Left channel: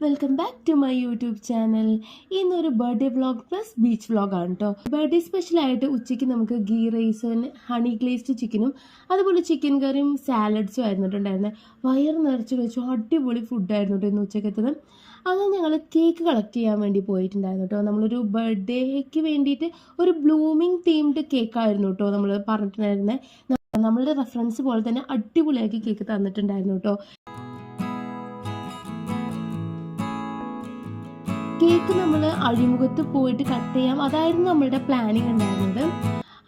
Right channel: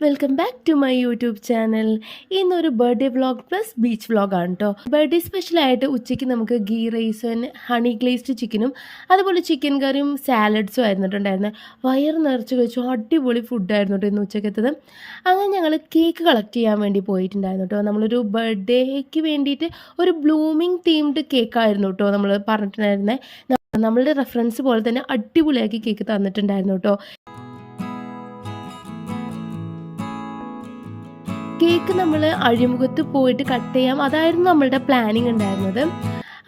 Welcome back to my YouTube channel ഇന്നൊരു birthday vlog plus beach വ്ളോഗാണ് കേട്ടോ birthday സ്പെഷ്യലായിട്ട് ഉച്ചയ്ക്ക് നമുക്ക് ഗീ റൈസും ഹണി ഗ്ലേസ്ഡ് ചിക്കനും അതുപോലെ ചിക്കൻ കറിയും സാലഡ്സും ആയിരുന്നിട്ടുണ്ടായിരുന്നത് വയറ് നിറച്ച് കഴിച്ചു അടിപൊളി ഫുഡായിരുന്നു കേട്ടോ ഇന്ന് ഉച്ചക്കത്തത് അങ്ങനെ ഞങ്ങൾ കേക്ക് കളക്ട് ചെയ്യാൻ വേണ്ടി പോയിട്ടുണ്ടായിരുന്നു കേട്ടോ നമ്മളൊരു ബർത്ത്ഡേക്ക് വേണ്ടിയിട്ട് ഒരു ബ്ലൂമിങ് തീംഡ് കേക്കായിരുന്നു കേട്ടോ നമ്മൾ പറഞ്ഞിട്ടുണ്ടായിരുന്നത് നമ്മളുടെ റെഫറൻസ് പോലെ തന്നെ അടിപൊളിയാക്കി കേക്ക് തന്നിട്ടുണ്ടായിരുന്നു കേട്ടോ കേക്ക് നമ്മൾ അഴിമുഖത്ത് പോയിട്ട് കട്ട് ചെയ്യാം. അതായിരുന്നു നമ്മളുടെ പ്ലാനിങ് ഉണ്ടായിരുന്നത്.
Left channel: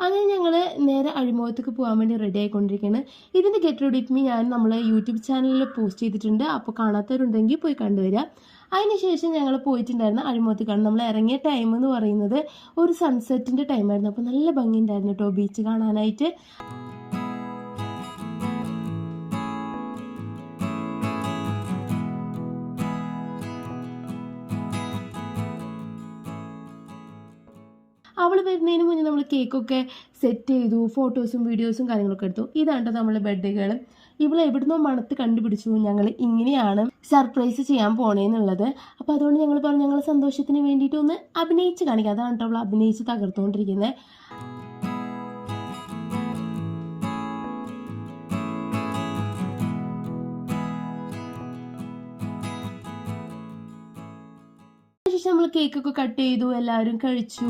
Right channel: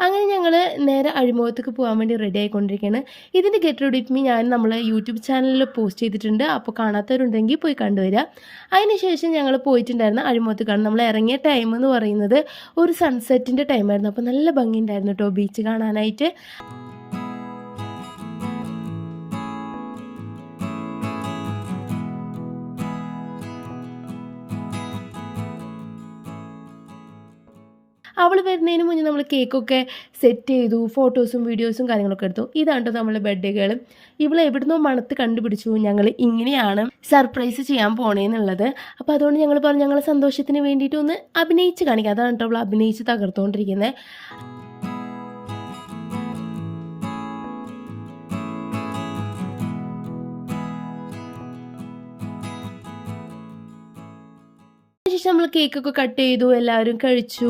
അങ്ങനെ ഞങ്ങൾ നേരെ അഴിമുഖത്തേക്ക് പോകാൻ വേണ്ടി റെഡി ആയിക്കൊണ്ടിരിക്കുകയാണ് ഇതിന്റെ ഗെറ്റ് റെഡി മീ ഞാൻ നമ്മൾ യൂട്യൂബ് ചാനലിൽ പോസ്റ്റ് ചെയ്തിട്ടുണ്ട്. അപ്പോൾ കാണാത്തവരുണ്ടെങ്കിൽ പോയി കണ്ടുവരിക അതിനുശേഷം ഞങ്ങൾ പോയിട്ടുണ്ടായിരുന്നു അഴിമുഖത്ത് കാണും നമ്മൾ ഇറങ്ങിയ ടൈം എന്ന് പറയുന്നത് ഒരു സൺസെറ്റിന്റെ ടൈമായിരുന്നു അപ്പോൾ നല്ല ഭംഗിയുണ്ടായിരുന്നു കേട്ടോ ബീച്ച് കാണാനായിട്ട്. അവൾ വരുന്നതിന് മുന്നേ നമ്മൾ കേക്കൊക്കെ സെറ്റ് ചെയ്തു ഫോട്ടോസും വീഡിയോസും കാര്യങ്ങളൊക്കെ എടുത്തു. ഇതാണ് കേട്ടോ നമ്മളെ ബർത്ത്ഡേ ഗേൾ ഇവളെ എവിടുന്നോ മണത്ത് കണ്ടുപിടിച്ചു. ഞങ്ങൾ ഇങ്ങനെയാണ് സർപ്രൈസ് ചെയ്യാൻ പോണേന്നുള്ളത്. അപ്പോൾ അതുകൊണ്ട് ഞങ്ങൾ പറഞ്ഞു ഞങ്ങളെ സന്തോഷത്തിന് വേണ്ടിയിട്ട് ഒന്ന് അഭിനയിച്ച് കാണിക്കുക അതാണ് കേട്ടോ അവൾ അഭിനയിച്ച് തകർത്തുകൊണ്ടിരിക്കുന്നത് ശേഷം നമ്മൾ കേക്കൊക്കെ കട്ട് ചെയ്തു എല്ലാവരും കഴിച്ചു.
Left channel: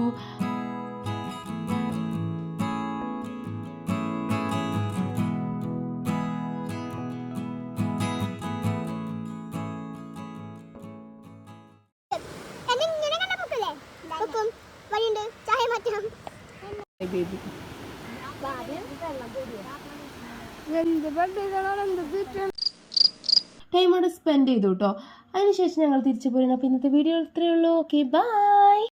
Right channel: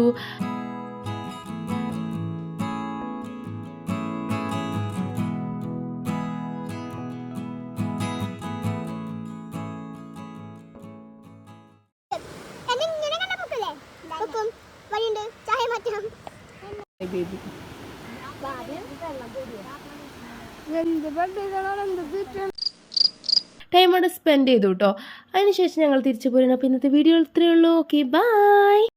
ടൈം അവിടെ സ്പെൻഡ് ചെയ്തു കേട്ടോ അതിനുശേഷം ഞങ്ങൾ തിരിച്ചു പോരുന്നു. അപ്പോൾ ഇന്നത്തെ വീഡിയോ ഇത്രയേ ഉള്ളൂ. Okay bye